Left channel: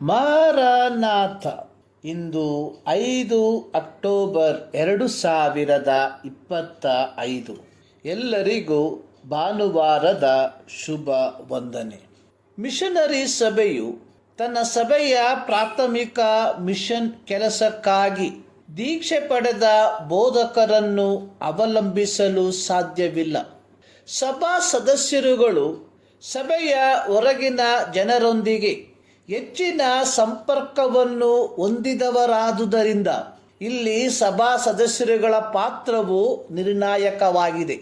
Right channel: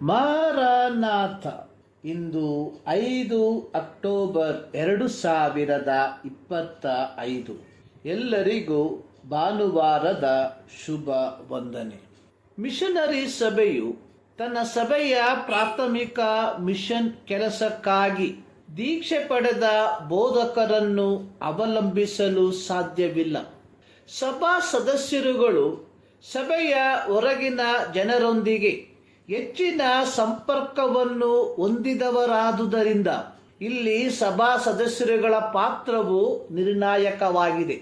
Maranatha. ಇಂದು 5 October 2025. ಎಲ್ಲರಿಗೂ ಭಾನುವಾರದ ಶುಭ ವಂದನೆ. ಮಿಷನರಿ ಸಭೆಯು ತನ್ನ ಸಭೆಯ ಪ್ರಾಥಮಿಕ ಮಿಷನ್ ಕೆಲಸಕ್ಕಾಗಿ ದೀಕ್ಷೆ ಪಡೆದ ಬೋಧಕರನ್ನು ಅವಲಂಬಿಸಲು ಸಾಧ್ಯವಿಲ್ಲ. ಸಭಾ ಸದಸ್ಯರುಗಳು ಸಭೆಯ ಹೊರಗಿನ ಜನರೊಂದಿಗೆ ಹೆಚ್ಚಿನ ಸಂಪರ್ಕವನ್ನು ಹೊಂದಿದವರಾದುದರಿಂದ ಇಲ್ಲಿ ಸಭಾ ಸದಸ್ಯರುಗಳ ಪಾತ್ರವು ನಿರ್ಣಾಯಕವಾಗಿದೆ.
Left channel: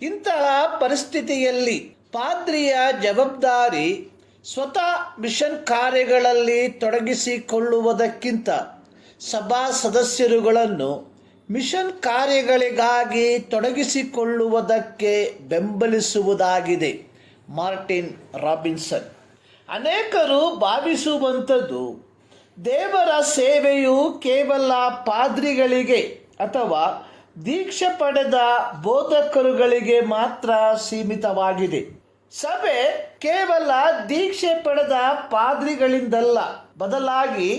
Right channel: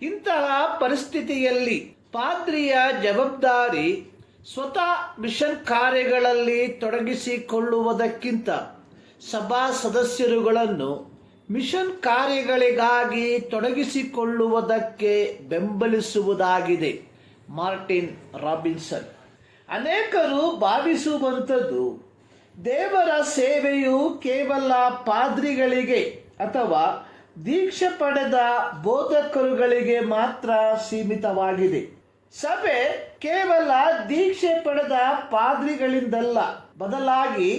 ಇಂತಹ ಪರಿಸ್ಥಿತಿಯಲ್ಲಿ ಪಾದ್ರಿಯ ಜವಾಬ್ದಾರಿ ಸ್ವತಃ ಮಿಷನ್ ಕಾರ್ಯಗಳಲ್ಲಿ ತೊಡಗಿಸಿಕೊಳ್ಳುವುದಕ್ಕಿಂತ ಸಭಾ ಸದಸ್ಯರುಗಳನ್ನು ಮಿಷನ್ ಕಾರ್ಯಗಳಿಗಾಗಿ ತೊಡಗಿಸಿಕೊಳ್ಳುವುದಕ್ಕೆ ಬೆಂಬಲಿಸುವುದಾಗಿದೆ. Martin Robinson. ಅನೇಕರು ಭಾವಿಸುವಂಥದ್ದು ದೇವರ ಸೇವೆಯು ಕೇವಲ ಪಾದ್ರಿಗಳಿಗೆ ಅಥವಾ ದೀಕ್ಷೆ ಪಡೆದ ಬೋಧಕರುಗಳಿಗೆ ಮಾತ್ರ ಸೀಮಿತವಾಗಿದೆ. ಸಭೆ ಕೇವಲ ದೀಕ್ಷೆ ಪಡೆದ ಪಾದ್ರಿಗಳಿಂದಲ್ಲ, ಬದಲಾಗಿ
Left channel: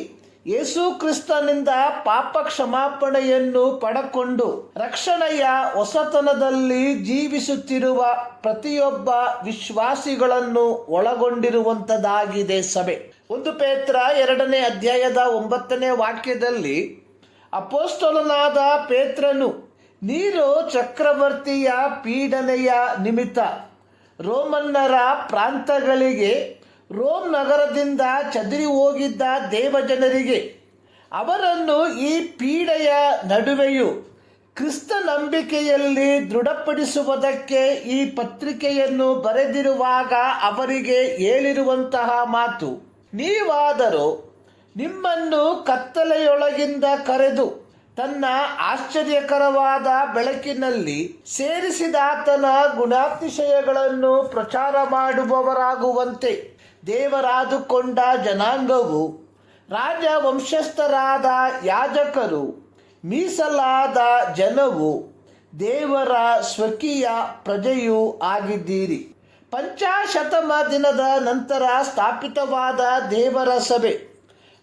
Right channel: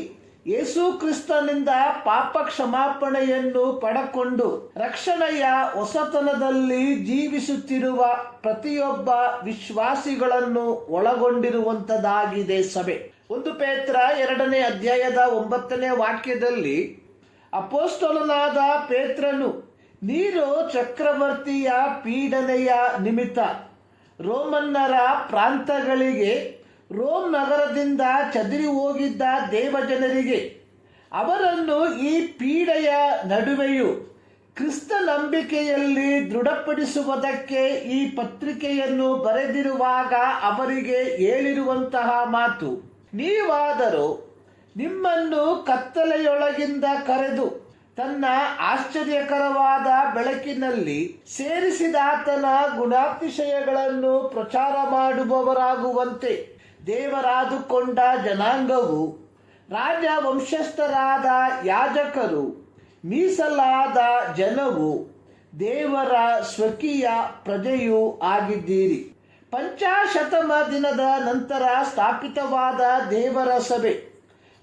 ಯೇಸು ಕ್ರಿಸ್ತನಿಂದ ಪಾಪ ಕ್ಷಮಾಪಣೆಯನ್ನು ಪಡೆಕೊಂಡು ರಕ್ಷಣೆಯ ಹೊಸತನದಲ್ಲಿ ಜೀವಿಸುತ್ತಿರುವ ಪ್ರತಿಯೊಬ್ಬ ವಿಶ್ವಾಸಿಗಳನ್ನು ಒಳಗೊಂಡಿರುವಂತದಾಗಿದೆ ಸಭೆ. 1 ಪೇತ್ರ 2ನೇ ಅಧ್ಯಾಯದ 9ನೇ ವಾಕ್ಯದಲ್ಲಿ ಅಪೊಸ್ತಲನಾದ ಪೇತ್ರನು ನೀರೋ ಚಕ್ರವರ್ತಿಯ ಪೀಡನೆಯ ನಿಮಿತ್ತ ರೋಮನ್ನರ ಪ್ರಾಂತಗಳಿಗೆ ರೋಮ್ ನಗರದಿಂದ ಚದುರಿ ಹೋಗಿದ್ದ ದೇವಜನರಿಗೆ ಅವರನ್ನು ಈ ಪೀಡೆಯ ನಡುವೆಯೂ ಕ್ರಿಸ್ತ ನಂಬಿಕೆಯಲ್ಲಿ ದೃಢಪಡಿಸುವುದಕ್ಕೆ ಈ ಪತ್ರಿಕೆಯನ್ನು ಬರೆದಿರುವಾಗ ಅವರಿಗೆ ಹೇಳಿರುವಂತಹ ಮಾತು: ನೀವಾದರೂ ನಿಮ್ಮನ್ನು ಕತ್ತಲೆಯೊಳಗಿಂದ ಕರೆದು ತನ್ನ ಆಶ್ಚರ್ಯಕರವಾದ ಬೆಳಕಿನಲ್ಲಿ ಸೇರಿಸಿದಾತನ ಗುಣಾತಿಶಯಗಳನ್ನು ಪ್ರಚಾರ ಮಾಡುವವರಾಗುವಂತೆ ದೇವರಾದುಕೊಂಡ ಜನಾಂಗವು, ರಾಜವಂಶಸ್ಥರಾದ ಯಾಜಕರು, ಮೀಸಲಾದ ಜನವು, ದೇವರ ಸ್ವಕೀಯ ಪ್ರಜೆಯೂ ಆಗಿದ್ದೀರಿ. ಪಂಚಾಶತಮ ದಿನದ ನಂತರ ಸ್ಥಾಪಿತವಾದ ದೇವರ ಸಭೆ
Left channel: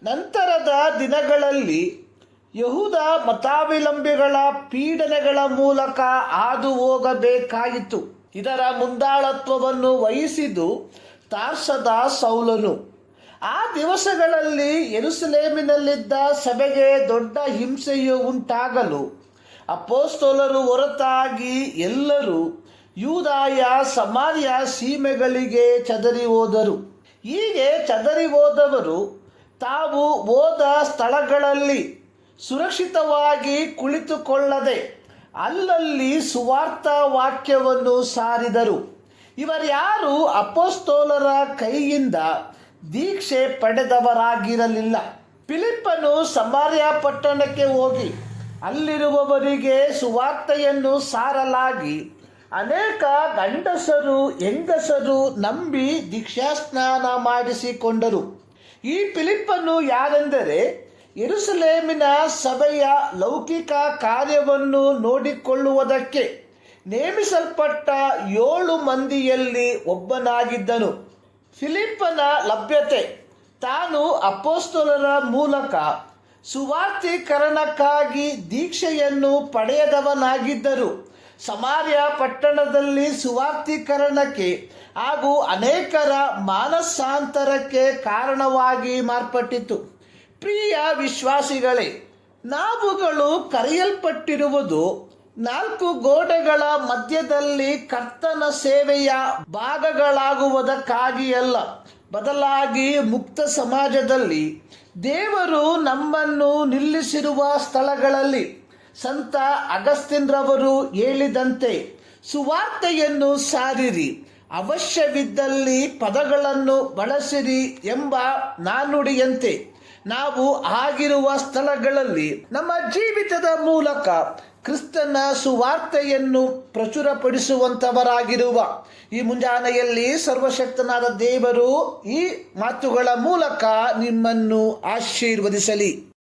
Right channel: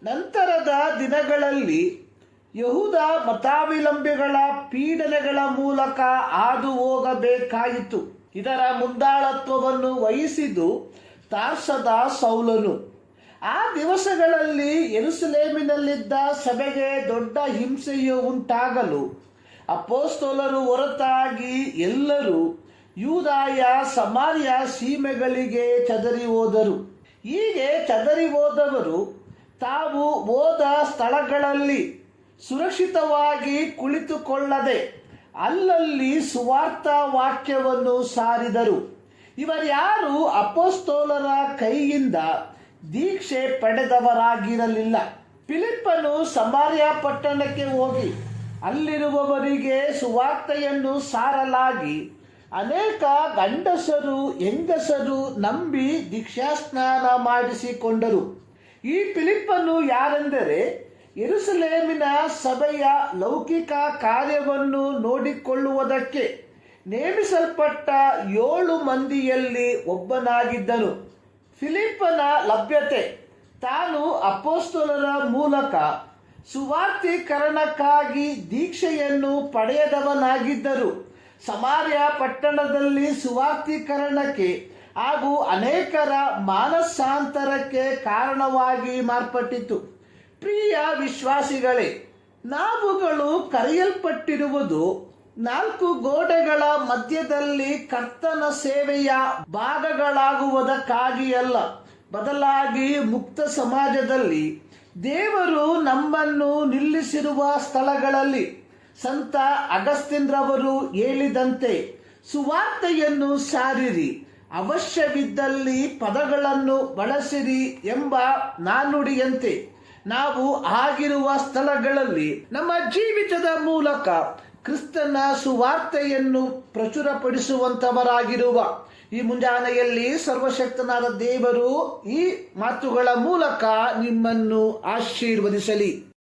ನಂತರದ ದಿನಗಳಲ್ಲಿ ಯಹೂದ ಮತಾವಲಂಬಿಗಳ ಪೀಡನೆಗಳ ಮೂಲಕ ಹಾದು ಹೋಗಬೇಕಾಯಿತು. ಇದರ ಮುಂದಾಳತ್ವವನ್ನು ವಹಿಸಿದ್ದು ತಾರ್ಸದ ಸೌಲನು. ಆ ದಿವಸಗಳಲ್ಲಿ ಯೆರೂಸಲೇಮಿನಲ್ಲಿದ್ದ ಸಭೆಗೆ ದೊಡ್ಡ ಹಿಂಸೆಯು ಉಂಟಾಗಲು ಅಪೊಸ್ತಲರು ಹೊರತಾಗಿ ಎಲ್ಲರೂ ಯೂದಾಯ ಸಮಾರ್ಯ ಸೀಮೆಗಳಿಗೆ ಚದರಿ ಹೋದರು. ಹೀಗೆ ಚದರಿ ಹೋದವರು ತಾವು ಹೋದ ಸ್ಥಳಗಳಲ್ಲಿ ಸುರಕ್ಷಿತವಾಗಿ ಕುಳಿತುಕೊಳ್ಳದೆ ಅಲ್ಲಲ್ಲಿ ಸುವಾರ್ಥ ವಾಕ್ಯವನ್ನು ಸಾರಿದರು. ಇವರ್ಯಾರು ಅಪೊಸ್ತಲರ ಕೈಯಿಂದ ದೀಕ್ಷೆ ಪಡೆದವರಾಗಿರಲಿಲ್ಲ. ಫಿಲಿಪ್ಪನು ಸಮಾರ್ಯ ಪಟ್ಟಣಕ್ಕೆ ಹೋಗಿ ಅಲ್ಲಿರುವವರಿಗೆ ಸುವಾರ್ತೆಯನ್ನು ಸಾರಲಾಗಿ ಅನೇಕ ಗಂಡಸರು ಹೆಂಗಸರು ನಂಬಿ ದೀಕ್ಷಾಸ್ನಾನ ಮಾಡಿಸಿಕೊಂಡರು. ಈ ಫಿಲಿಪ್ಪನು ಯಾರೆಂದರೆ ಯೆರೂಸಲೇಮಿನ ಸಭೆಯ ಲೌಕಿಕ ಕಾರ್ಯವನ್ನು ನೋಡಿಕೊಳ್ಳುವುದಕ್ಕೆ ನೇಮಿಸಲ್ಪಟ್ಟ 7 ಮಂದಿಯಲ್ಲಿ ಒಬ್ಬನಾಗಿದ್ದನು. ಫಿಲಿಪ್ಪನ ಲಭ್ಯತೆ ತಾನು ಅಪೊಸ್ತಲರ ಮೂಲಕ ಸುವಾರ್ತೀಕರಣಕ್ಕಾಗಿ ದೀಕ್ಷೆಯನ್ನು ಪಡೆಯದವನಾಗಿದ್ದರು. ಸಮಾರ್ಯ ಪಟ್ಟಣದಲ್ಲಿ ಸುವಾರ್ತೀಕರಣಕ್ಕೆ ಹಾಗೂ ಅನೇಕರ ಮಾನಸಾಂತರಕ್ಕೆ ಕಾರಣವಾಗಿ ಮಾರ್ಪಟ್ಟಿತು. ಪ್ರಿಯ ವಿಶ್ವಾಸಿಗಳೇ, ನಾವುಗಳು ಕರೆಯಲ್ಪಟ್ಟಿರುವುದು 4 ಗೋಡೆಗಳ ಮಧ್ಯದಲ್ಲಿ ಕರ್ತನ ಸೇವೆಯ ಭಾಗಗಳಾಗುವುದಕ್ಕಾಗಿಯಲ್ಲ, ಬದಲಾಗಿ ಮುಕ್ತ ಸಮಾಜದಲ್ಲಿ ದೇವರು ನಮ್ಮನ್ನು ನಿಲ್ಲಿಸಿರುವ ಸ್ಥಳಗಳಲ್ಲಿ ಸಂತ ಅಗಸ್ತಿನ್ ರವರು ಹೇಳಿದಂತೆ ಸುವಾರ್ತೆಯನ್ನು ಸಾರಿರಿ, ಅವಶ್ಯವಿದ್ದಲ್ಲಿ ಪದಗಳನ್ನು ಬಳಸಿರಿ ಎಂಬ ನಾನುಡಿಯಂತೆ ನಾವು ಆಗಿರುವ ಸ್ಥಳಗಳಲ್ಲಿ ನಮ್ಮ ಜೀವಿತದ ಮೂಲಕ ಕ್ರಿಸ್ತನ ಸುವಾರ್ತೆಯನ್ನು ಪ್ರಚುರಪಡಿಸುವಂತವರಾಗಿರುವ ಈ ಮುಂಜಾನೆಯಲ್ಲಿ ಸರ್ವಶಕ್ತನಾದ ದೇವರು ಈ ಮಾತುಗಳ ಮೂಲಕ ನಿಮ್ಮನ್ನು ಆಶೀರ್ವದಿಸಲಿ.